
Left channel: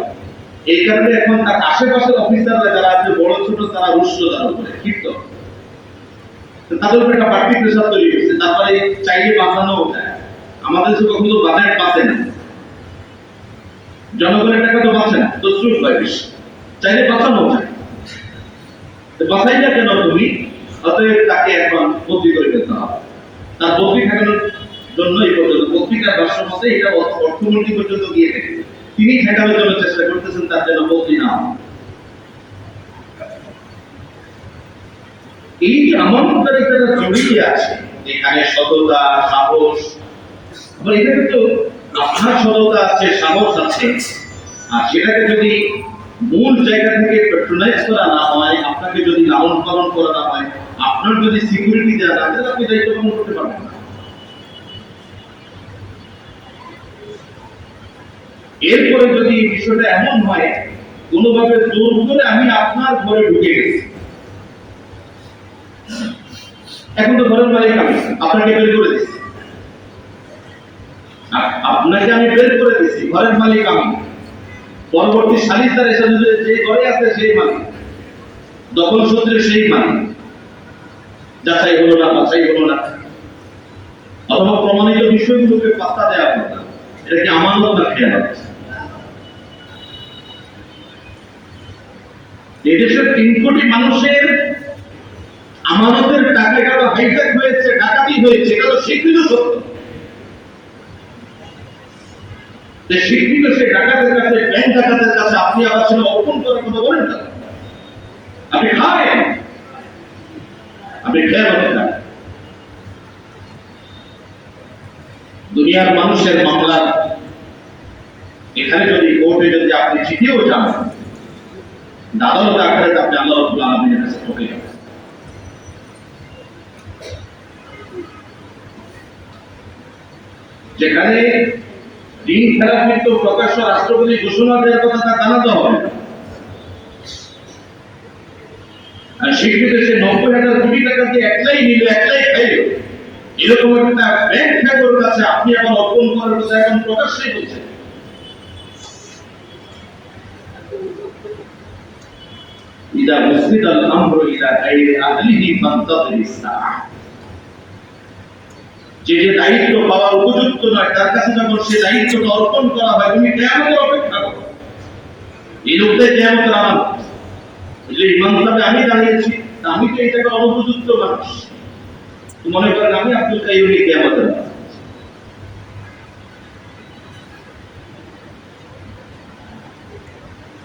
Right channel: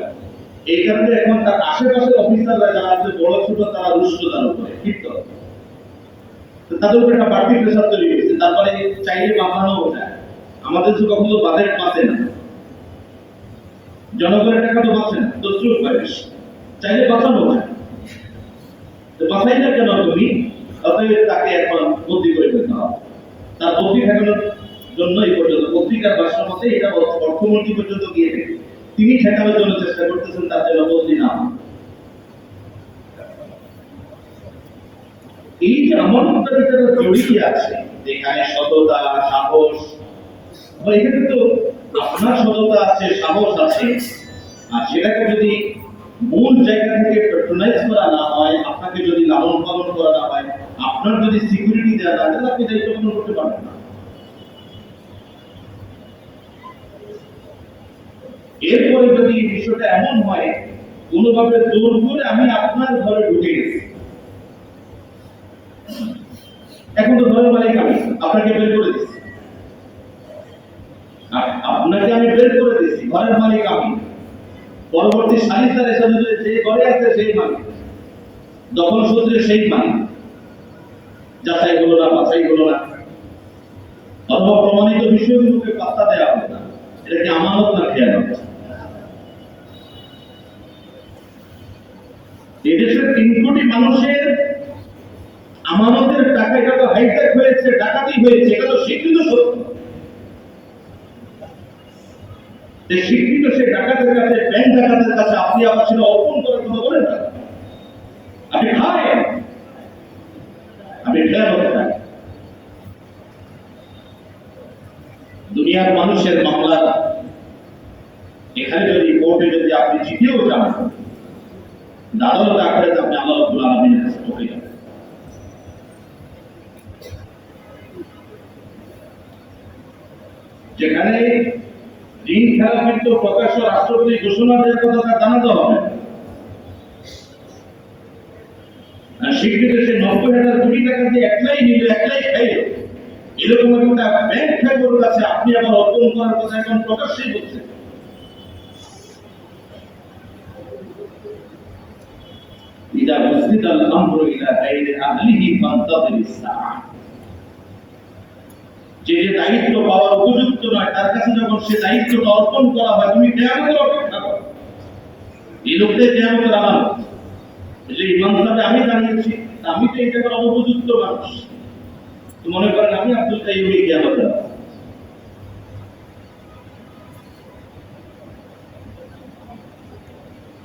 এই কারণে এখন তার আশেপাশের অফিসাররা যারা আছে, বড় ছোট, তারা রুষ্ট তার উপরে ক্ষিপ্ত, তাদের উপরে একটা বাড়তি প্রেশার তৈরি হয়েছে। তারপরে চাইলে বাঁচানো যায়, আমাদের যে কখনো বাজেট বাঁচে না, জনগণের টাকা তো বাঁচে না, তসরুফ হয় বেশি, চাইলে বাঁচানো যায়। বাঁচাই না কেন তুমি? অতএব তাকে এখন বদলি করে ফেলতে হবে। তার বদলি ঠেকানোর জন্য এই পর্যন্ত পত্রিকার ভাষ্য মতে এটা অর্থমন্ত্রী পর্যন্ত গিয়ে দেখে তিনি ঠেকানোর জন্য চেষ্টা করতেছেন, তার জন্য বদলি না। এই যে আমানতদারিতাটা জড়িয়ে আছে, এখানে সততা, সাহস, আবার এখানে তো আপনার সততা আছে, সাহস আছে, আর সেটাকে যদি মূল জায়গা থেকে প্যাট্রোনাইজ করা না হয়, আপনাকে যদি লালন পালন করা না হয়, আপনার যদি সিকিউরিটি দেওয়া না, তাহলে আপনি দায়িত্ব পালন করতে পারবেন না। এরপরে যদি এই বিষয়টা এমন হয়, কোনোভাবে জোর করে আমি আপনার ঘরে ঢুকে গেছি, এখন তো ঘরের মালিক আমি, আপনাকে বের করে দিচ্ছি, আপনাকে আমি বের করে দিচ্ছি, ঘরের মালিক আমি। পরবর্তী সালিসদার এসে যে ঘরে আছে সেই মালিক, দখল সূত্রে সেই মালিক, যাচাই হলো না, বাছাই হলো না, অথবা প্রমাণিত বিষয়গুলোকে পাত্তা দেওয়া হলো না, এটা কি আমানত না খেয়ানত? এদেশের 3 কোটি মানুষের আমানতের টাকা তো হাইজ্যাক হয়েছে, ডাকাতি হয়েছে, এটা তো স্বীকৃত সত্য। স্বীকৃত সে ডাকাতের কাছে, ব্যাংক ডাকাতের কাছে আপনি আবার সেটা অর্পণ করার কথা বলেন না। আপনি খাবেন, আপনি খেয়ানত না। দুনিয়ার মানুষের মামলা এখানে যদি কোর্টে যদি আপনি জিতেও যান, আদালত আকারে আপনি আল্লাহ রাব্বুল আলামিনের কাছে ঠকে যাবেন। যেখানে ঋণ খেলাপি তো প্রকাশ্য রাষ্ট্রপতি ঘোষণা দেওয়ার কথা তা জানাতে হবে, আর স্বীকৃত সে 90,000 কোটি টাকা দিয়ে একলাই নিল, একলাই খাইল, এরকম একটা ব্যাংক ঠাকুর কাছে আপনি আবার অর্পণ করার কথা এখন প্রকাশ্যেই বলছেন। ইদা মুসিদাল আমরু ইলা গায়রি আহলিহি ফান্তাযিরিস সাআহ, যে দায়িত্ব পাওয়ার উপযুক্ত নয় তার কাছে যখন সে দায়িত্বটা অর্পণ করা হয়, তুমি কিয়ামতের অপেক্ষা করো। এই লোকটাই কিয়ামতের আমানত। যে ইমাম সাহেব আমি দাঁড়িয়েছি, আমি তো এই জায়গার অনুপযুক্ত মানুষ, তো মনে করেন আমি আব্দুল কাইয়ুমই কিয়ামতের আমানত।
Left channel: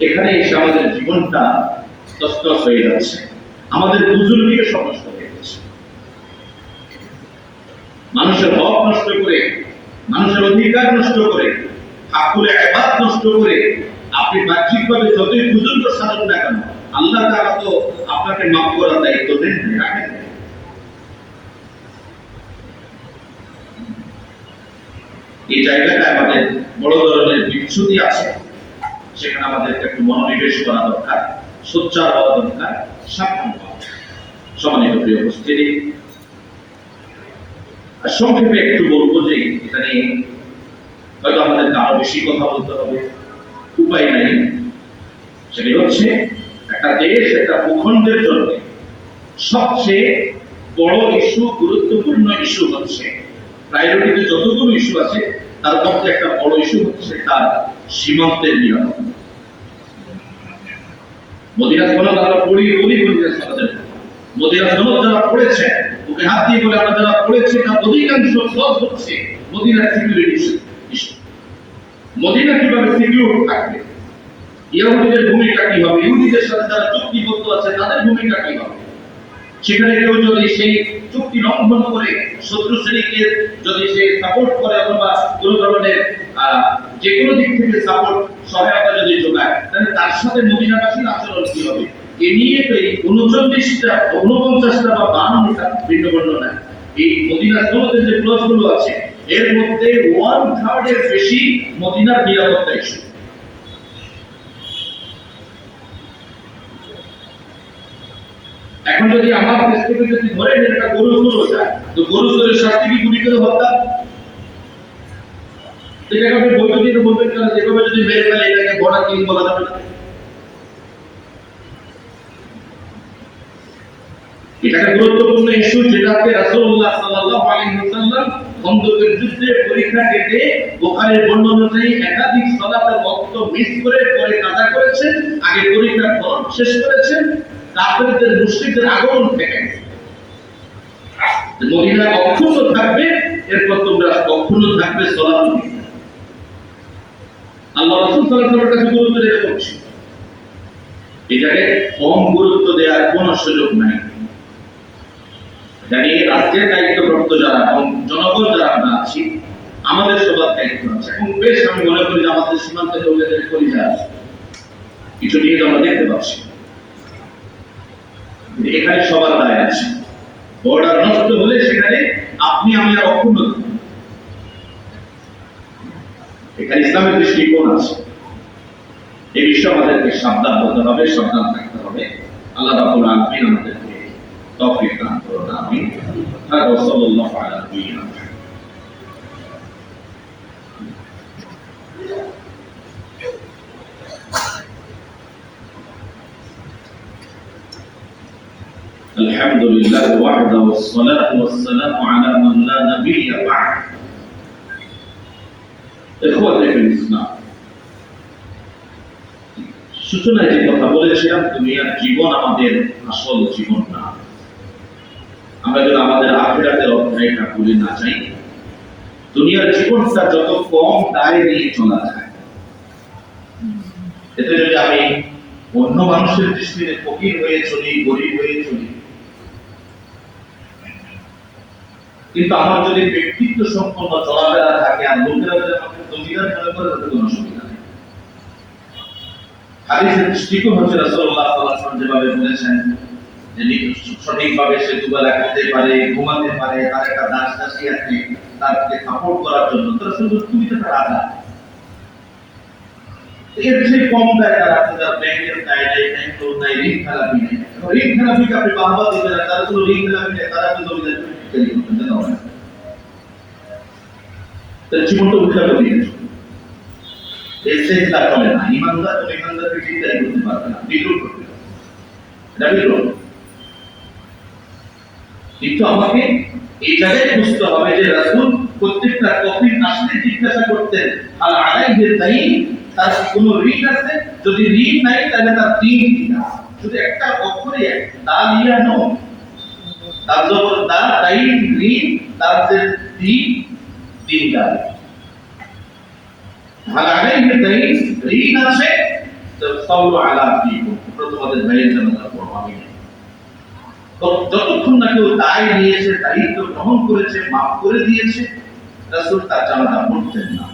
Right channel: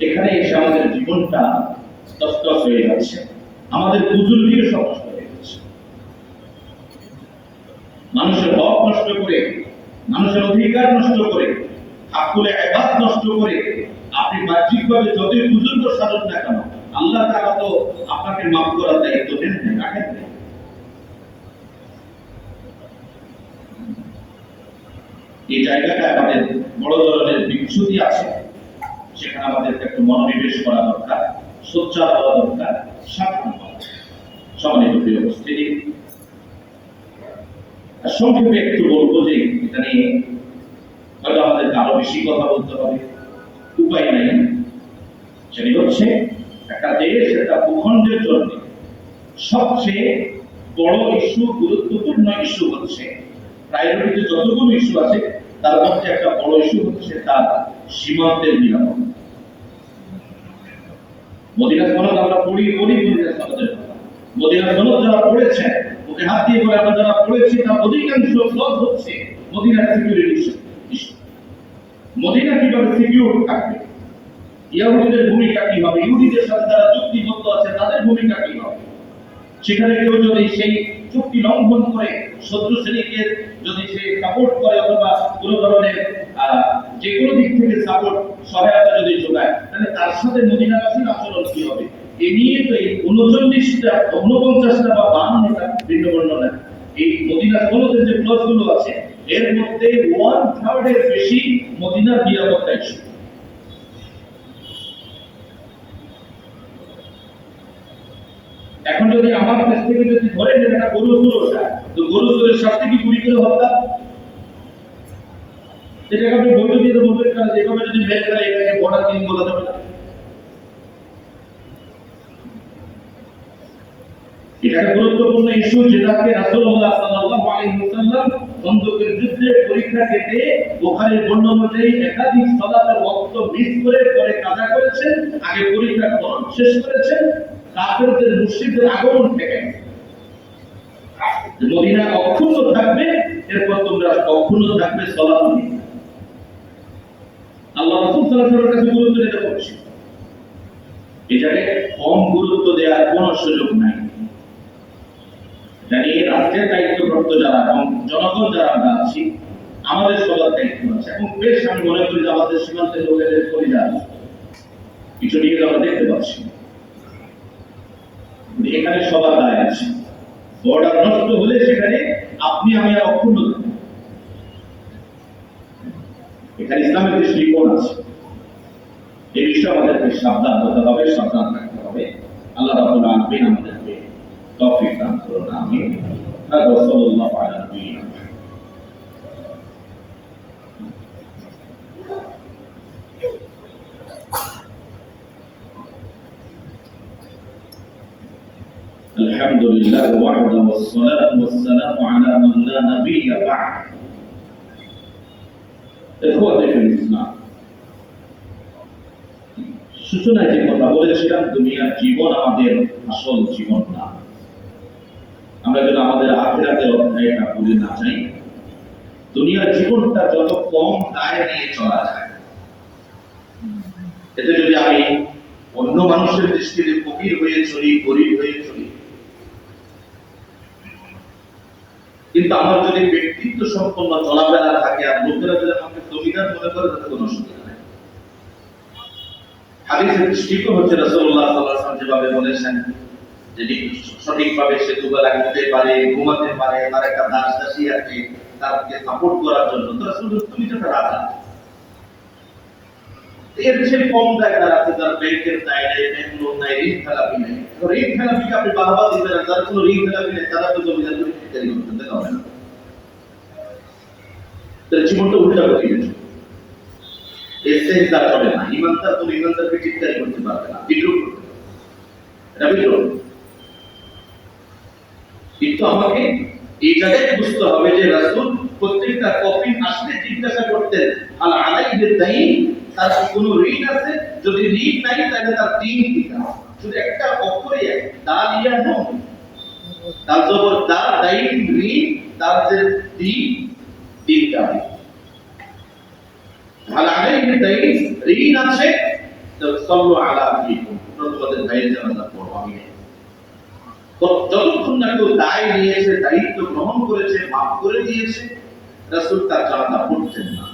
এখানে এসে আমাদের জীবনটা তছনছ হয়ে যাচ্ছে, আমাদের বুজুর্গীও সব নষ্ট হয়ে যাচ্ছে। মানুষের হক নষ্ট করে, মানুষের অধিকার নষ্ট করে, হাক্কুলে ইবাদত নষ্ট করে আপনি বাহ্যিকভাবে যতই বুজুর্গ সাজুন না কেন, আল্লাহ তাআলা তো আপনাকে মাফ করার দায়িত্ব দেন রাখেন। এই জায়গাটায় আমাদের বড় ধরনের বিচ্যুতি আছে, সেখানে আমাদেরকে একটু মনোনিবেশ করা দরকার, সোচ্চার হওয়া দরকার, সাবধান হওয়া। সম্মানিত প্রিয় উপস্থিতি, সংক্ষেপে একটু বলবো যে এটা নিয়ে হয়তো আমাদেরকে আরো বেশি কথা বলতে হবে, উপায় নাই। সেটি হচ্ছে একটা দেশ, একটা ভূখণ্ডের জন্য সবচেয়ে বড় ইস্যু, গুরুত্বপূর্ণ ইস্যু হচ্ছে, প্রায়োরিটিতে যতগুলো ইস্যু আছে তার মধ্যে একটা বড় ইস্যু হচ্ছে তার সীমান্তের নিরাপত্তা। মদিনা সনদ আমরা পড়ি, মদিনা সনদের কথা, মদিনা সনদ যারা পড়েছেন, ওকে হাত দিয়ে বলে আমরা যারা পড়েছি তার অধিকাংশ সব হচ্ছে মদিনার সিকিউরিটি ইস্যু। মদিনা কিভাবে সিকিউর থাকবে, ইহুদিদের ভূমিকা কি হবে, ইহুদিদের সাথে যারা চুক্তিবদ্ধ আছে তাদের ভূমিকা কি হবে, সেখানে কেউ যদি সেই চুক্তি লঙ্ঘন করে শত্রু শ্রেণীকে যদি সে সাপোর্ট করে অথবা কোন ধরনের যে কোনো দিক থেকে সাপোর্ট সহায়তা যদি যোগায়, তাহলে তার সাথে মদিনাবাসীর আচরণ কি হবে, এ নিয়ে তো এই 49টা 49টা বা 52টা ভিন্ন ভিন্ন না। এই মদিনা সনদের যে ক্লজগুলো আছে এর মধ্যে 1/3 এর বেশি মদিনার নিরাপত্তা ইস্যু। এখন যদি আমার দেশ থেকে যদি ধরে নেন একটা গরু চুরি যায়, তো গরু চুরির শাস্তি কি গুলি করে হত্যা? এটাকে আপনি বৈদ্যুতিক বলবেন না, যেভাবে যদি মেরে ফেলে এটাকে বড় কিং বলা যাবে না। এটা একটা গুরুত্বপূর্ণ ইস্যু, যেটাকে রাসূলুল্লাহ সাল্লাল্লাহু আলাইহি ওয়াসাল্লাম খন্দকের যুদ্ধে পরীক্ষা কেটে বুখারীর বর্ণনা অনুযায়ী একাধিক সালাতের ওয়াক্ত মিস করে পরে কাজা করেছেন, আগে পরীক্ষা ফরজ শেষ করেছেন, কাফেরদের মুশরিকদের আগমন থেকে মদিনা অক্ষুণ্ণ থাকবে, এরপর তোমরা অক্ষুণ্ণ থাকবে সালাত। আল্লাহ রাসূল সাল্লাল্লাহু আলাইহি ওয়াসাল্লামের কাছে গুরুত্ব দেওয়া হচ্ছে, এটাকে কম গুরুত্ব দেওয়ার কোনো সুযোগ নাই। জানি রাষ্ট্রের দায়িত্বপ্রাপ্ত যারা এবং জনগণ যারা আমরা আছি, আমাদের সবার দায়িত্ব আছে। এবং বেশ আমি মনে করি যে আমাদের সীমান্তের লোকেদের পরিচয় আছে, কিছু নিয়ে আমরা দেখতে পাচ্ছি এখানে সবার দায় আছে। বর্ডার নষ্ট হলে সেখানে আপনি আমি আর অক্ষুণ্ণ থাকবো, এখানে ইসলামের দৃষ্টিকোণ আছে। এই বিষয়ে আমাদেরকে সাবধান হতে হবে, সাবধান থাকতে হবে। আল্লাহ রাব্বুল আলামিন আমাদেরকে তৌফিক দান করুন, আমিন। হাদা সাল্লাল্লাহু আলাইহি ওয়া সাল্লাম। الحمد لله وحده والصلاة والسلام على من لا نبي بعد. إخوتي في الإسلام, সূচনায় যে কথা বলেছিলাম, দুনিয়ার জীবন আমাদের আসল জীবন না। আমরা যদি আমাদের আখিরাতের অধ্যায়টা ভুলে না যাই, দুনিয়ার জীবনটা যত কম দায় নিয়ে চলা যায়, এতে যদি আমি অন্য মানুষের দৃষ্টিতে ফকির হয়ে চলি, গরিব হয়ে চলি, কিন্তু আমার যদি ব্যক্তিত্ব সম্পন্ন চলাফেরা থাকে আর লোকেরা যদি আমাকে জমিদার মনে করে, তাতে কোনো অসুবিধা নেই। হাদিসের দৃষ্টিকোণ হচ্ছে রাসূলুল্লাহ সাল্লাল্লাহু আলাইহি ওয়াসাল্লাম যেভাবে বলেছেন যে সঠিকভাবে সে দুবেলা খেতে পারে, ঘুমাতে পারে, তার একটা দাস দাসী আছে তাকে সাপোর্ট করার জন্য, তো রাসূল তুমি তো একটা রাজা। এর চেয়ে কম দায় তার আছে যার ব্যাংকের দায় নেই, ব্যাংক লোন নাই, ঋণ খেলাপি নেই। ঋণ খেলাপিকে আপনি বাহবা দিবেন না, যারা কোনো ঋণ খেলাপি নেই তারা তো জমিদার করে বিক্রি করতেন, যেতে হবে না। তার জীবনটা উল্টা করে দিয়েছে। এর চেষ্টা চলে না, ইমানদার কোন ইমানদারকে চিন্তাই করতে পারবে না, বিদ্রোহ করবে, এটা বিদ্রোহ। কিন্তু আমাকে এই জায়গায় বুঝতে হবে যে রাসূল প্রত্যেকটা কফিন আসলে জিজ্ঞাসা করতেন আল আলাইহি দাইন, তার কোন ঋণ আছে, যদি ঋণ নাই তাহলে তার দিন কি না। শুধু একটা অক্ষরই এক, দালিয়া নো, তার জবর দা, দাইন ঋণ, তার যে দিন, দিনদার। আল আলাইহি দাইন ঋণ আছে, তো সবর আলা ফিকুম, তোমরা তোমাদের ভাইয়ের জানাজা পড়ো, আমি নেই। যতক্ষণ না কেউ দায় নিয়েছে, দায়িত্ব গ্রহণ করেছে, মাফ করে দিয়েছে, রাসূল তার জানাজা পড়তেন না।